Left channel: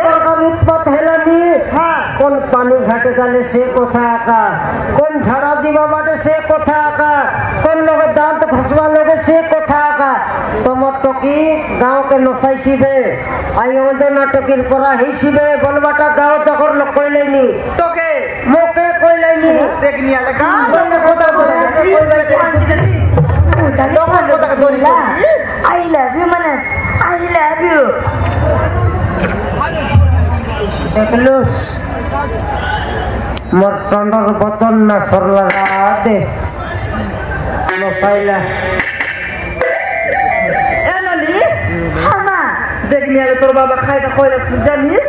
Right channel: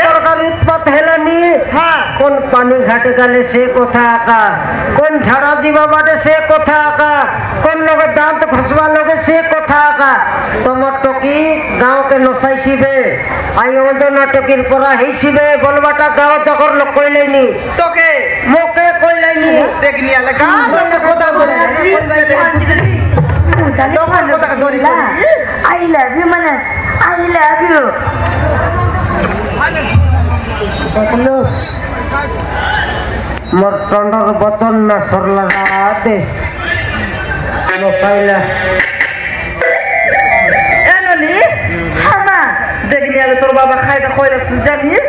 উৎপাত হেলানি কোন পানি ঘাটে গেলে সে কথা আঁকা কোন ঝাড়া জীবা বাটে সে কথা আঁকা কোন লোকের দাঁত ঘষবা লোকে সে কথা আঁকা তোমার টকি গাঁওকে নসাইছিবে আই অঞ্জন টকির পরা হেসিবে বলবাটা গাঁও চকর লোক কইলাইনি তোকে মোকে কইলাইনি দেখনি আলে গাঁ কথা বলে I love you, Manas. I love you. Terus Mertondor bocon nasar lagate Musailah Enani Hama. দেখনি আলে তোর বাবা খাইটা কইরা তুই জানিস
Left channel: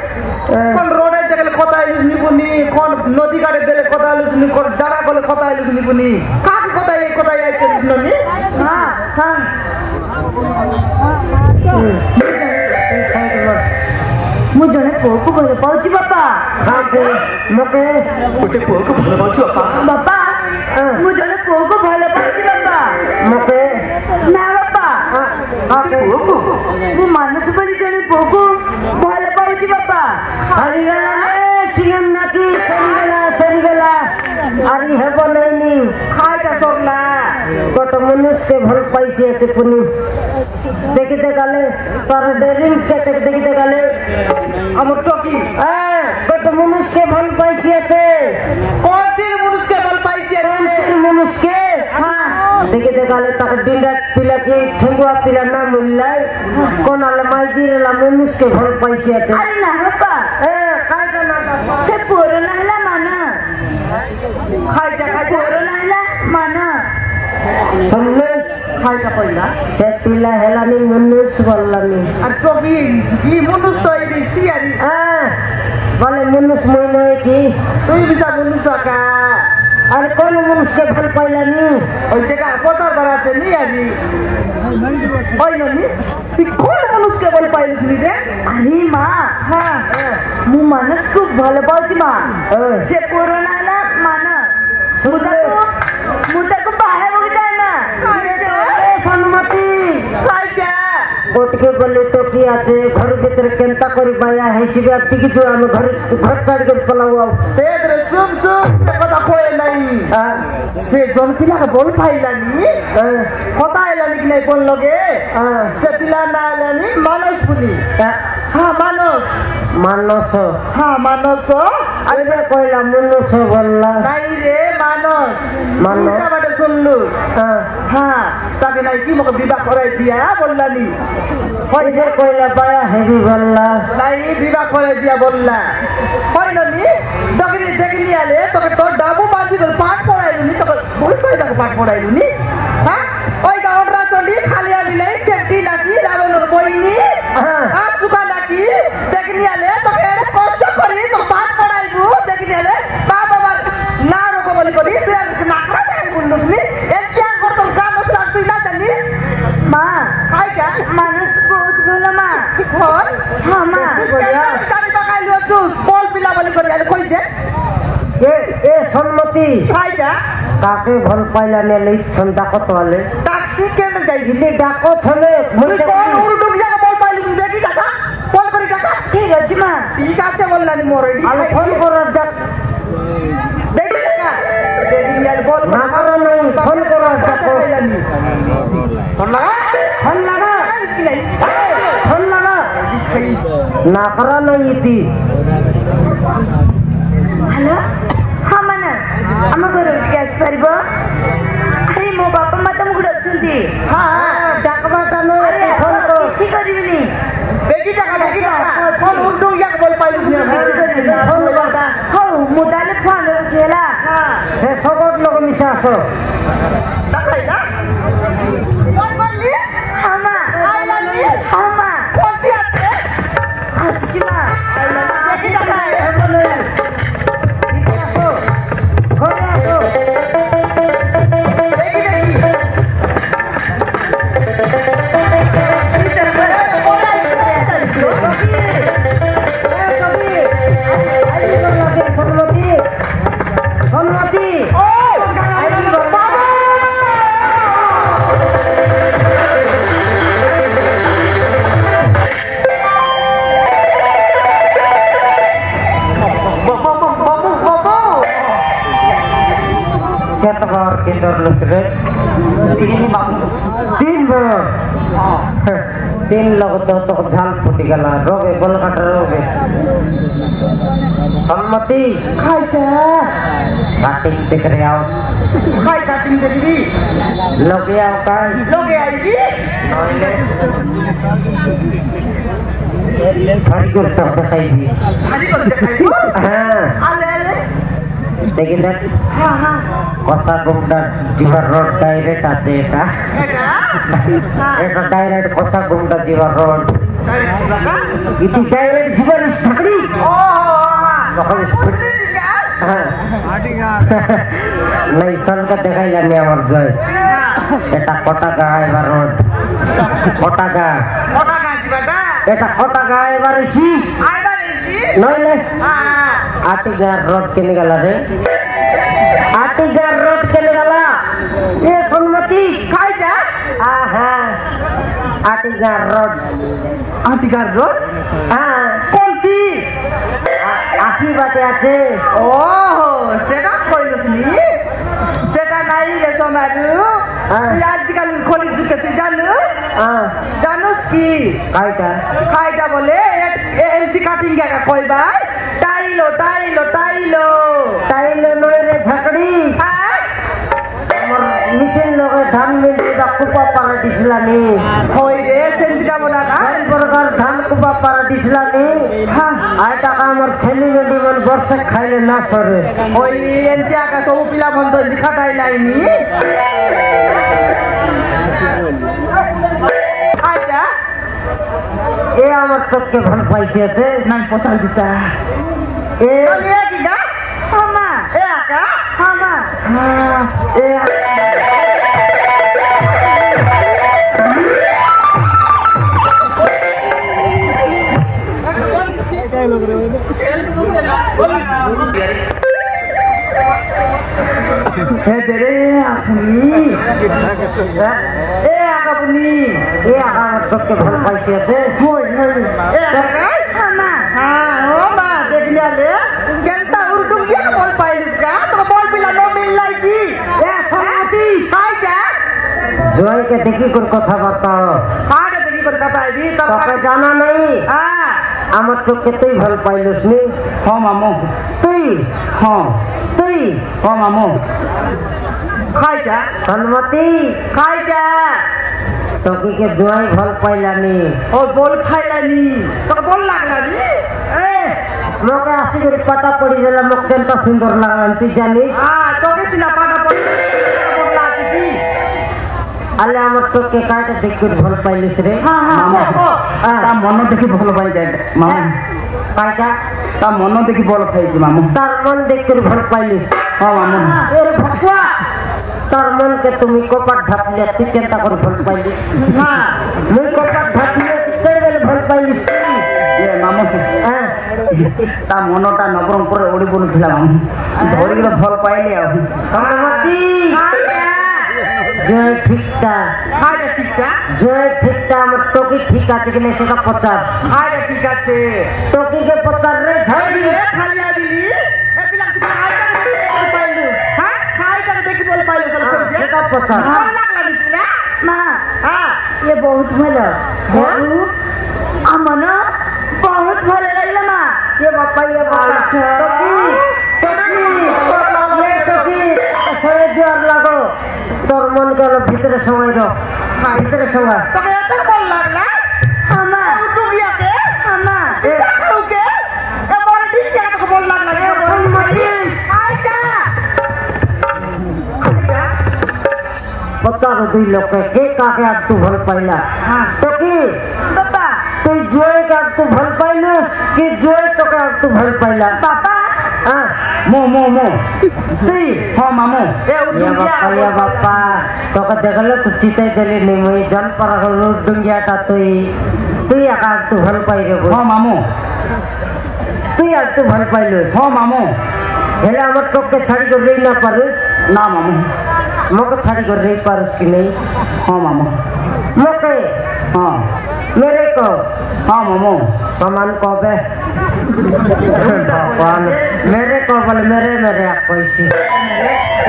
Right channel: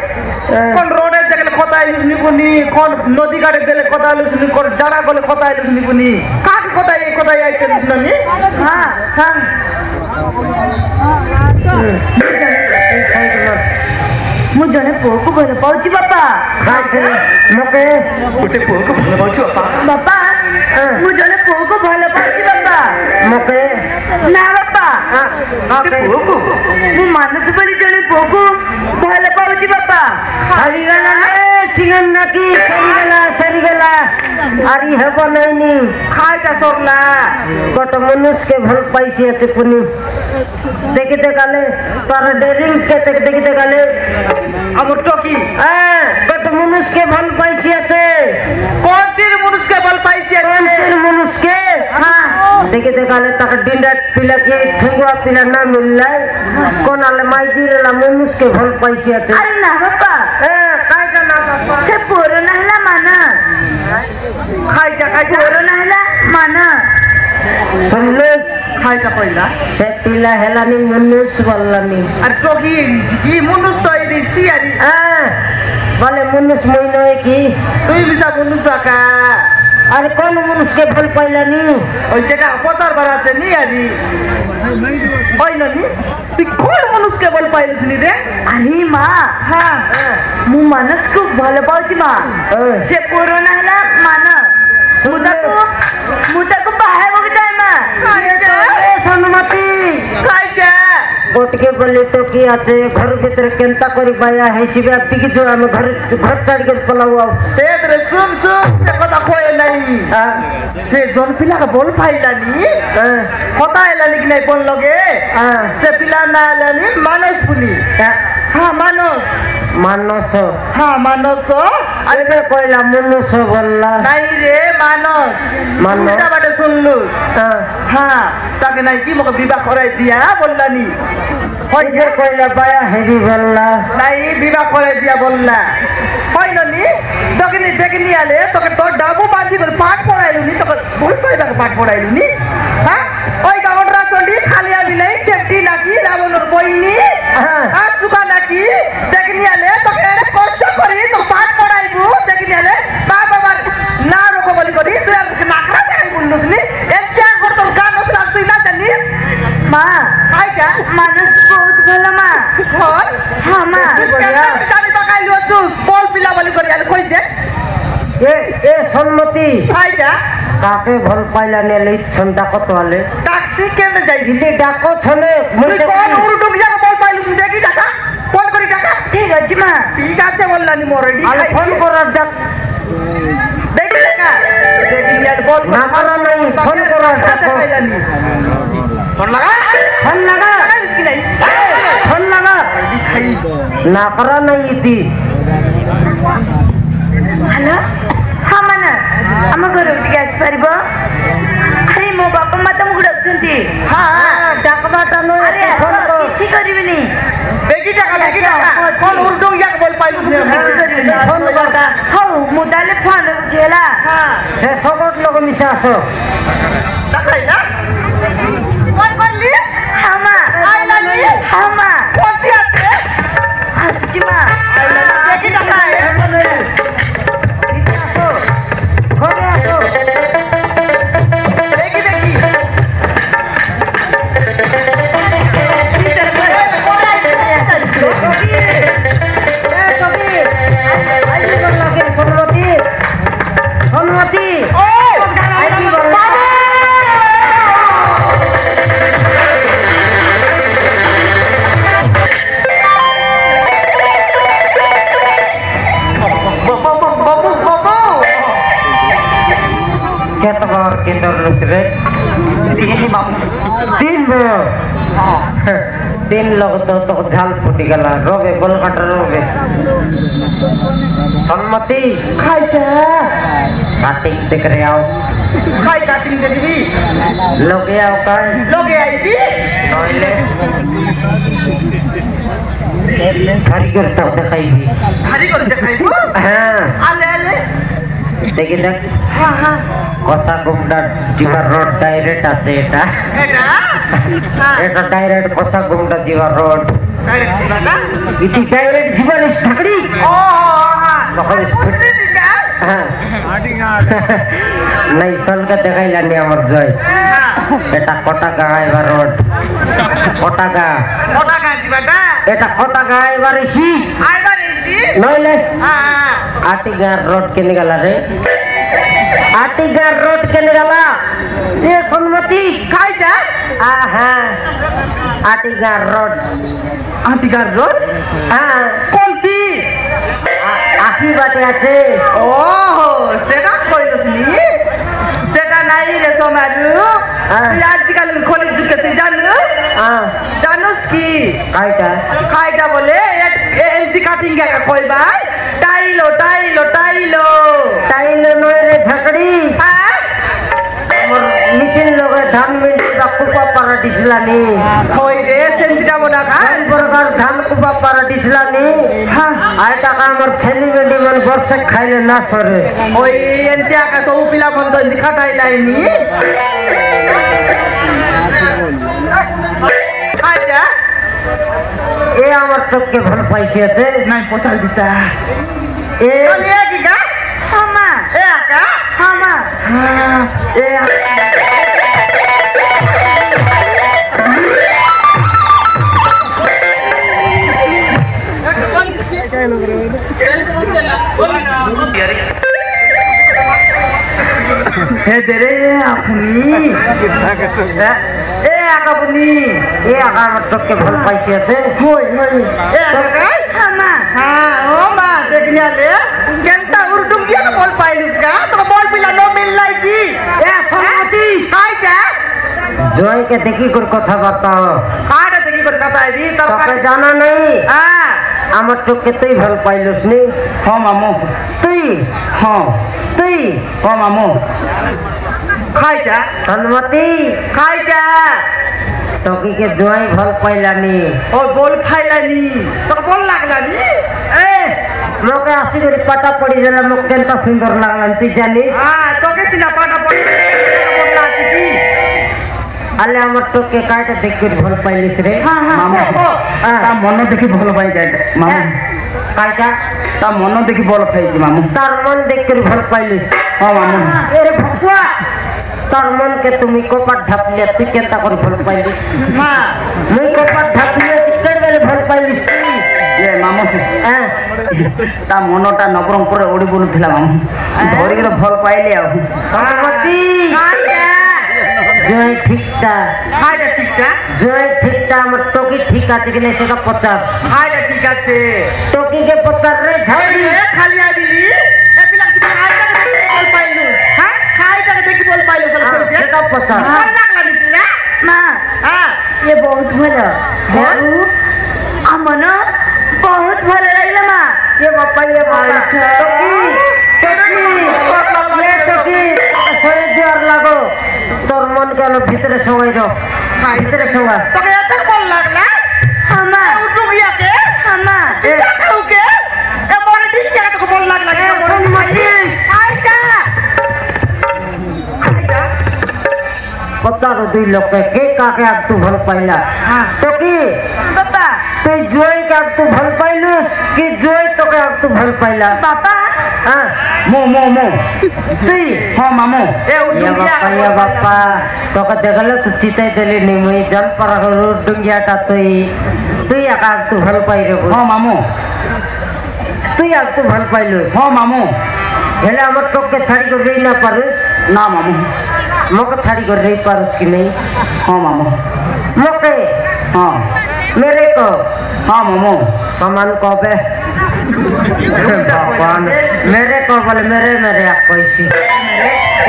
কোন রোডে গেলে কথা আইলিস নিকুনি কোন নদী ঘাটে গেলে কথা আইলিস নি কোন জায়গা গেলে কথা আইলিস নিকুনি কাক কথা এই কথা আইতেছিস নি হ্যাঁ হ্যাঁ ମୁଁ ଜଣେ ପୁଅକୁ ଭଲ ପାଉଛି ବାପା Moke ଗୋଟେ ପୁଅକୁ ଭଲ ପାଉଛି ବାପା ବାପା ମୁଁ ଜଣେ ପୁଅକୁ ଭଲ ପାଉଛି ବାପା Moke ନା ବାପା ପୁଅକୁ ମୁଁ ମାନସ ବୋଲି ଜଣେ ପୁଅକୁ ଭଲ ପାଉଛି ବାପା Sarigala singan naki sarigala Ari haba naini খাইটা সরলা Kota manusia bhal paisi ache puni Dekite kale Para daring kete dekite kale আমার talkie Kota manusia bhal paisi ache কোন দিন মানুষকে বল পাইছি Kontir manusia Dekite kale tak dindat pila ki Thengua pila na millai Kon ale maiji la manusia bhal paisi ache ଆରେ ନା ବାପା Kaita na ସେ ପୁଅର ନା ହେଲା ମାନା খাইটা খাইটা ପୁଅର ନା ହେଲା ମାନା Sanus খাইটা কইলা Se pila helani manus wallani আর টকি কি মানুষ তো এই দিছি আরি Vale manus moino ki তুই বিসা মানুষ কা Are kon manus ke bhal pailani ওই যেটা প্রচার করাছে নি আরি ওই ননি তুই কোন মানুষকে বল পাইলিস নি রে ଆରେ ମା ମୁଁ ମାନସକୁ ଭଲ ପାଉଛି ମା ସେ ପୁଅର ନା ହେଲା ମାନା ମୁଁ ତାକୁ ବାହା ହେବାକୁ ଚାହେଁ ମା Sanmati খাইটা Gotke bale toki ache घर भीतर केंता करी बाया हेसिबे टिकी जो हम घर चढ़ के पलावा তেরে শুন শুন সে কথা কই নাই সে জন পিলা বল পাইলানি কথা এলানি কি নাই কোন লগে সে পিলা না এলানি মানস পুনি হ্যাঁ মানস Manos হ্যাঁ মানস Are koila manus bolla নাই রে মানস মানস। উল্টা বাটে শুনলু হ্যাঁ তাকে নাই কি মোক বিবাহ করাই দিয়া বললানি হয় Are koila baya heavy bolla নাই বিবাহ করাই দিয়া বললা হয় ননি দগনি দেখনি আলে তোকে তোর ডাবু বাঁধি করে পাঠ পড়াইলুনি তোকে ভুল পাইবার পাঠ পড়াইলুনি হ্যাঁ ওই গাউডরা চন্ডি খালিয়া বিলাই চেটি নাকি রাবণর বইনি হ্যাঁ সুবা নাকি দেখনি আলে তোকে এর কষ্ট করি তো পাঠ পড়াইবু দেখনি আলে তা বাবা না রকম বলি করি তুই আর নাকরা দেখাই বুঝলি এটা করতে গান উস্তাদ তুই না জানিস মা খাইটা ମାନସ ବହୁତ ଭଲ ମା হয় ହଁ ମା জানি পাকাইলু তুই বল পিলা বলি করি আলে কই দে E Sanmati খাইটা Kake bhal pailani le chanda kot wale taxi কেমনে যাইছি Ile dako chole তুই কোন উরুটুক জায়গা বল পাইলিস দেখি টাকা ফোন করি টাকা ଠିକ ଅଛି মা ঠিক আছে বললানি মোর ready Ale phone korar dak দেখি টাকা দেখি নিয়ে বল Nakara nai phone korar dak পাইলানি ফোন লাগা Phone laga লাগাইস কি নাই Phone laga খাই Nakara nai iti ହ୍ୟାଲୋ ହଁ ମାନସ ଆମ ଘରକୁ ଟିକେ ଆସିପାରିବ ଆରେ ମୋ ବାପା ମା ତମକୁ ଡାକୁଛନ୍ତି Dakba tano ଆରେ phone ko କିଛି କରିବିନି দেখি টাকা কোন উরুটুক জায়গা বল পাইলিস না କିଛି କରିବିନି phone laga ହଉ ମୁଁ ତାହେଲେ ଫୋନ ରଖୁଛି ହେଲା Se sogot logo misa aso টাকাইলা ফোন করলি ହଁ ମା আইলানি ହଁ ମା ফোন দিয়াছে ଆସୁଛି ମା দেখি টাকা Phone aso দেখি দেখি Sanmati কি ধরলস রে তিনই মামু তিন বড় তিন লোক তো ঝাল ফুটি গেল রবে গোল কাটা রবে সম্মতি খাইটা কাটিং দেখ রে आओ খাই কাটিং দেখবি लोगे आओ का লগে আইবি নইলে খালি করে তো দেখাইবি খালি করে দেখাইবো হ্যাঁ আলে আলে দেখি দেখ কষা গুমটা জিবা রোড ডাইরেক্ট আছে এটা এটা এটা ডাইরেক্ট কষা গুমটা জিবা রোড দাদা ইতি ডাইরেক্ট জীবন ঝগড়ি ও नहीं सन का देखाइला नहीं আমার জয় এটা কটাকা এবার রোড কটাকা ওটা কাজি দাদা এটা কটাকা এবার এসি আইবার এসি নইলে হ্যাঁ আটিগার রোড কেনে গেল রে আটিগার রোড কেনে গেল এ সম্মতি খাইটা হ্যাঁ আটিগার রোড আটিকার রোড হ্যাঁ কোনটি আকি বাটে আছে ও সেটা কইলসনি সেটা নাই রে সমারু তুই আজকাল খনি যুগে তুই জানুস কি কাইটা খাইটা বলে এলটি কাটিং কে কইবা টাইলো টাইলো টাইলো টাইলে নয় রে ঝগড়ি হ্যাঁ মিশন লোকে ধান মিন্টি বা কুপা পারা দিসলানি কই রে সেন্টিটা বনা ধান প্রকার ধান কুপা পারা দিসলানি আর টাকা আমার ছেলে বেটি মানে বর্ষে খাইলে না সরে ওই এলটি আকা সব পিলা বন্ধ দিখাটাই লাইনি খাইটা এ আমার তোকে ভাল পাইছি আছে নাই পচাল দিতা এ আমি কি গা হামা এ আকা হামা এ हे तेरे अपनी এ আকাবনি এ আকা আমার তোকে ভাল পাইছি আছে होय होय ए आका হামা हां हो मा देखने आले केंता उर्दू क्या बोल पाइलिस का तो बोल बिला नो मिल लाई की এ সম্মতি काय क्या জয়কে দেখি করে কথা বার্তাও हां देखी कर कथा है दी তোকে तब জানা নেই हां আমার তোকে তুই ভাল পাইলস নি हां मामू তুই हां তুই हां मामू काय क्या সম্মতি काय क्या তোকে কে জয় ভাল পাইলানি ओ बोल खाइलानी तो बोल लागलानी এ মোকে আসি করে পাতা পড়ি গেল মোক কেনটা সুন্দর লাগলাম তুই জানিস हां तो के सिना पाटा बोला की আলে আমার তোকে কাটে দেখি ভাল পাইলিস রে তা মন দেখি ভালো পাই যায় মামু কাটা তা মন দেখি বল পাইছি মামু তার মন দেখে ভাল পাইলিস হ্যাঁ মামু এর ভকুয়া তার মনকে তুমি কপাট ঢাপলে তুই কেনটা করে ভাল পাইলিস না মুই কপাট ঢাপলে চিকেন গেলে ভাল পাইলিস তুই এ মামু হ্যাঁ তা মনটা নবরঙ্গপুরে ওড়ি বলুଥିଲା মামু ধরিকি তো ভাল পাইলি আর সম্মতি জয় ঠিকটা হাইটা ঠিকটা জয় ঠিকটা আমার টকি ঠিক আছে কিনা সেটা পচার হাইটা ঠিক আছে টকিকে পচার রে ঝাড়ি এ খালি আবিলি এ পিলা তুই হাইটা বল পাইলু হ্যাঁ হাইটা দেখি বল পাইলু সেটা পচার ভালো লাগলা পিলা মা হ্যাঁ ये बहुत ভালো बहुत আমন বহুত ভালো লাগলো মা ये बापा ये बापा टकी टकी ये टकी সরে জোর লাগো তোর মন গেল ভিতরে সময় দাও ভিতরে সময় তোকে এত বল লাগলা হামা উঠু গিয়াকে হামা এ কাউকে এ বড় ঠিক কে তোকে বল লাগলা এ সম্মতি হাইটা পচার দুই লোকে কে কাকে আর তু ভাল পাইলা টকি বাবা তুই জয় কে আর তু ভাল পাইলুস কি জয় তোকে আর তু ভাল পাইলা বাবা হ্যাঁ মো মো মো তুই হ্যাঁ মামু এ উঠু ये গিয়া बापा ये बापा तो का देखल तू चिताई देली नहीं मुई जम पर रोड डुंगिया टा তুই একা তু ভাল পাই রে হ্যাঁ মামু তুই আর তু ভাল পাইলুস হ্যাঁ মামু হেলে আমার তোকে ছাড়ি করে রই না পারিস না মামু মোকে ছাড়ি করে রই পারিস কি नहीं হ্যাঁ মামু মোকে হ্যাঁ मेरे को হ্যাঁ মামু समान कबे भगवान मेरे को बोले मेरे मेरे आप पैसी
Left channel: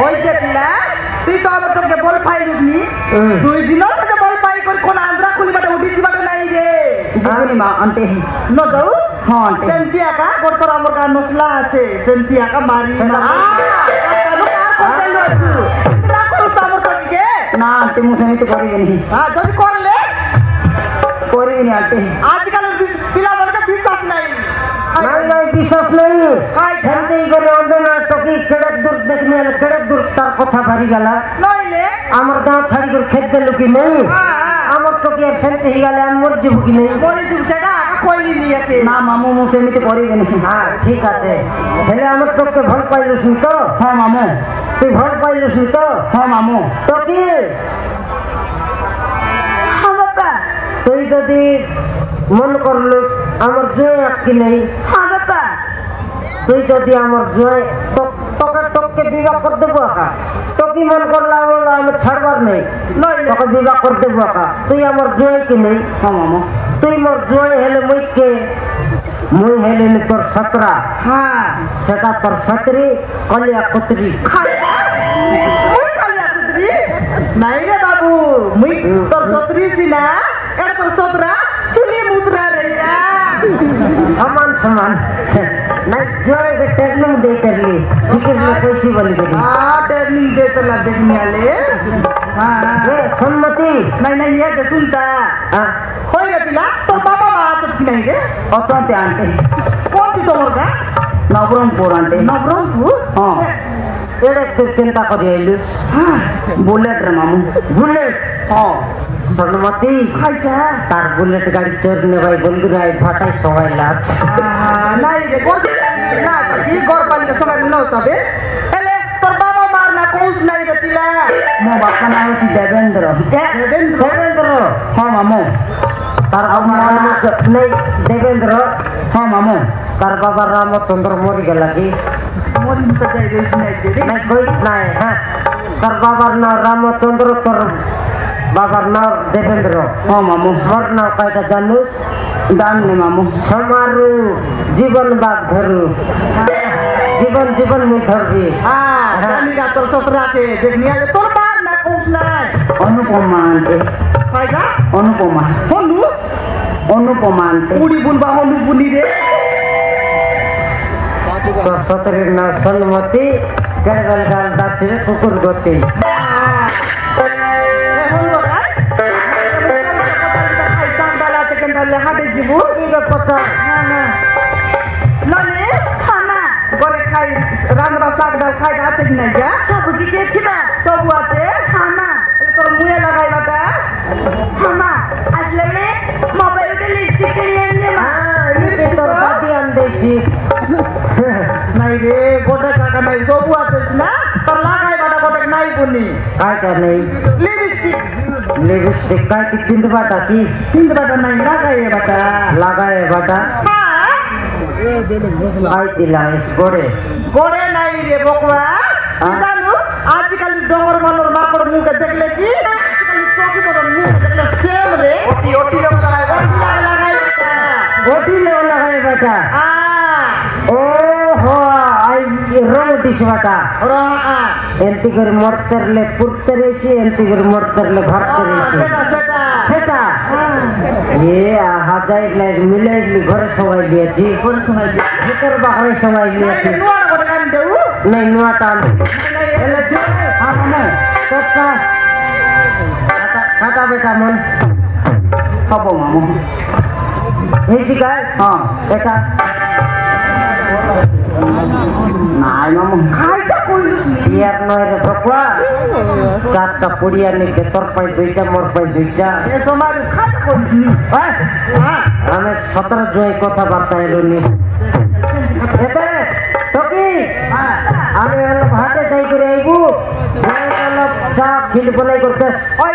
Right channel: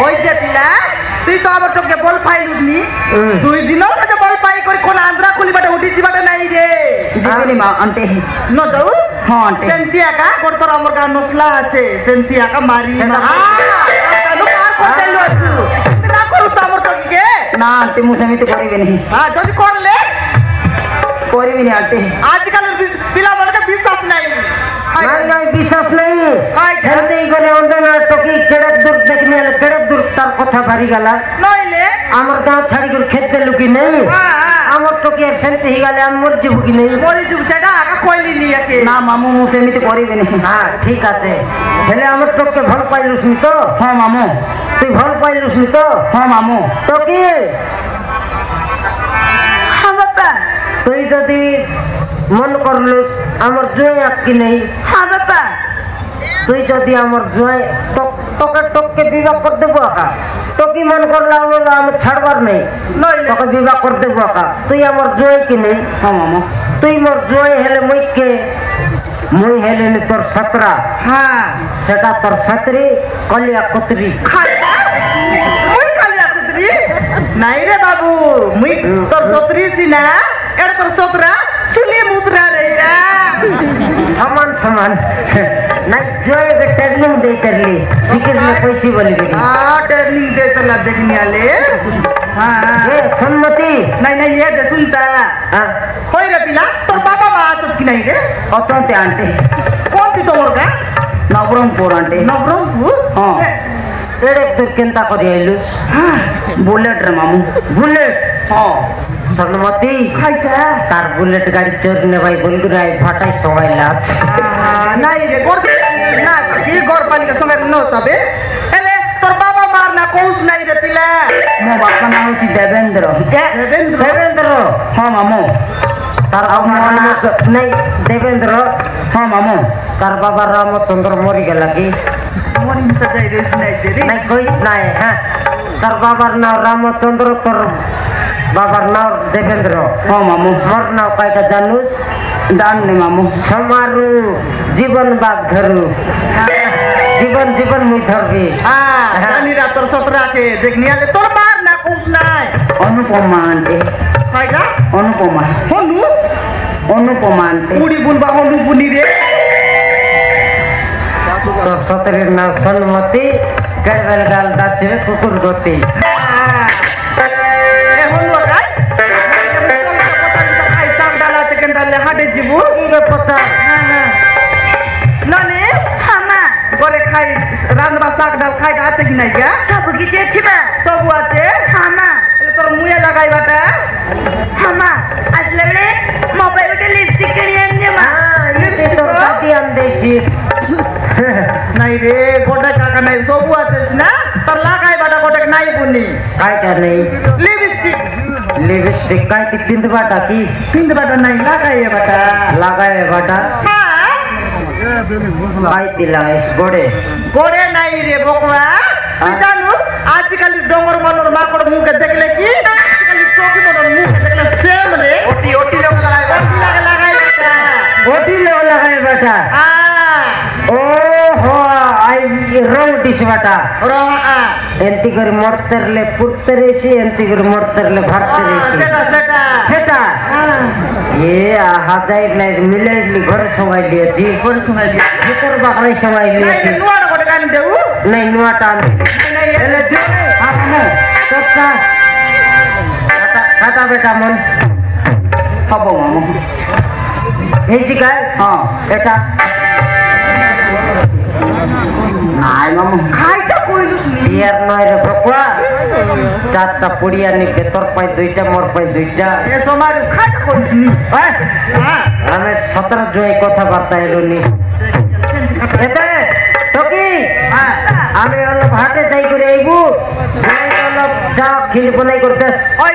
ওই যে পিলা তুই তো আমার তোকে বল পাইলুস নি 2 দিন থেকে বল পাই করে কোন আন্ধ্রা খুলি বাটা উঠি দিবাটা নাই রে জিবনি মা আন্টি ন যাও হ্যাঁ আন্টি সেন্টি আকা বর্তর আমার গা নসলা আছে সেন্টি আকা মারি না না আন্টি মু সেমিতি করিবেনি যদি করলে করিবিনি আন্টি আজকালের পিলা বলকে বিশ্বাস নাই বিশ্বাস নেই সেমতি করে অঞ্জনা টকি কেড়ে দূর দেখনি কেড়ে দূর তার কথা ভারি গেলা নইলে আমার গাঁও ছাড়ি করে খেতে লুকি নেই আমার টকি সেমতি গেলে আমার জীব কি নেই বলি যুগ সেটা কইলি নিয়েকে না মামু মু সেমিতি করিবেনি হ্যাঁ ঠিক আছে হেলে আমার টকে ভাল পাইলুস নি তো হ্যাঁ মামু তুই ভাল পাইলুস নি তো হ্যাঁ মামু টকি হ্যাঁ বাবা তুই যদি মন করলুস আমার জয় আটকি নেই হ্যাঁ বাবা তুই যদি আমার জয় তোকে টককে বিবাহ করে দেবো আকা তোকে মন করলে আমার ছাড়বার নেই তোকে বিবাহ করে দেবো আকা তুই আমার জয় কি নেই তুই মোর জয় হেলে মুই হেলে তোর সতরা হ্যাঁ সেটা তোর সতরি কলিয়া কতরি নাই রে বাবু মুই তোর সতরি সিনা এটা তোর সতরা চুলি মুদ্রা রে সমান সমান না জয় के ट्रेनिंग दे करली सिकर ले पैसे बोली गई ट्रेनिंग दे चला देखने वाले हाँ ये सम्मति नहीं नहीं ये दे सुनता हाँ कोई रे पिला तोर बाबा बात की नहीं रे और तो आंटी कौन थी तोर का नवरंगपुर आंटी नवरंगपुर हाँ एड़े तो केंता कर आइलुस बुलेट रे मामू बुलेट हाँ सम्मति हाइटा तार बुलेट गाड़ी चोरने भाई बोल के राय फाटाई सवाई लाच नहीं रे बोल ना ये गौर पानी का समय न होता बे एले तोर बाबा मारना कौन नहीं रे पिला मो बाप का नाम थी देवेंद्र क्या देवेंद्र हाँ मामू तार बाबा नाम नहीं देवेंद्र हाँ मामू तार बाबा रामचंद्र मोरी गला की मोरी में सजाई रे नहीं रे नहीं कोई नहीं है तार बाबा नाम रामचंद्र तोर बाबा नाम देवेंद्र हाँ मामू मोर नाम काटा जानूस दान ने मामू समारू जीवन बाग धरू जीवन जीवन में धरबी हाँ रानी रात तोर सतरा के देखने वाले तोर मारना कौन नहीं अनुपमा आंटी हाइटा अनुपमा होलू अनुपमा आंटी पूरी बुलबा होलू बुनी रे तो सतरे ना सलमती गड़बड़ गाल दास में कुकुर गोती सब की चेची बा हामा असले बड़े मोबाइल के लिपस्टिक के लिए आने मा तो दादी अंदेशी नहीं रे गोटे काका नहीं सब आते ना तो लगाई बाटा गोटे नहीं बुनी काय क्या नहीं लिपस्टिक लिपस्टिक काय ती पिंद बाटा की पिंड बाटा नहीं लगाई बाटा लगाए बाटा काय तिला इस गोड़े गोरे नहीं रे बोकवा जानू आजकल डोंगर मनोर माकड़ मुंह के देख ले की आजकल चौकी पर मुंह के देख ले सेम रे ओटी लोग लगाए बेटा हां ओ हो आई रोल डिश बाटा रो एंती कर मरतरले पुरतरेसी एंती कर मरतरले भरतरेसी सेटा सेटा ये हाजाई लाइक मिलेली घर सवाई लिएची घर सवाई भीतर बाहर सवाई लिएची नहीं नुआ गोटे कान देऊ नहीं नुआ टान एले जो आपने सबका खाता बेटा मन कबो मामू हे शिकाय हां बेटा নাই মামু খাইটা কইলুস নি ইয়ার নয় রে বকলা চারটা পুড়িয়া নিকে তোর পাই দুইটা মোর পাই দুইটা এ সমাজ খাইটা কইলুস নি হ্যাঁ আমি 17 জয় কথা বার্তা এলো নি এতে টকি আমি ভাতে যাই করে আইবু চা খিল বনাই করতেস ওই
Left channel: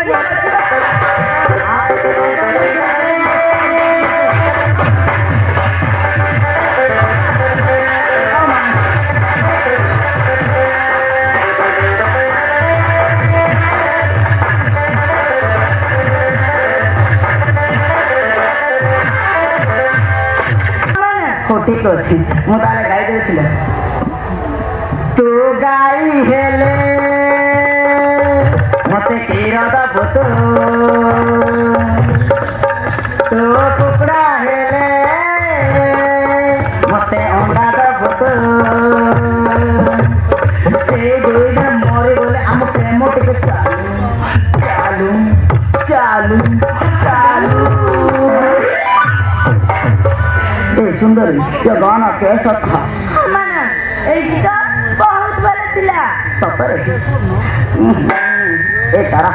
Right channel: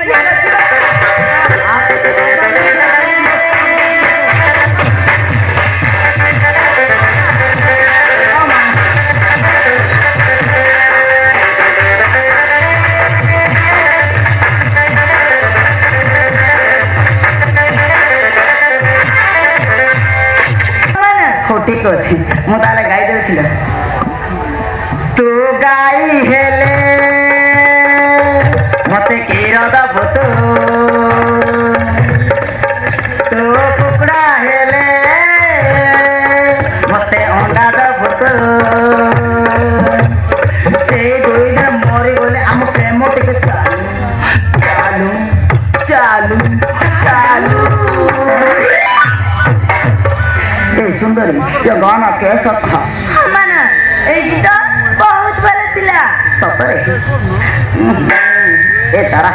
ठीक अच्छी ମୁଁ ତାହେଲେ ଗାଇ ଦେଉଥିଲି ତୁ ଗାଇ ହେଲେ मते कीरा दा फोटो तो टुकड़ा हेले मते अंडा दा फोटो से दुई जन मरी बोले हम प्रेम टिके चालू चालू चालू ए सुंदरी ये गाना कैसा था माना एडी तो बहुत बड़ा थिला सपरे ए तारा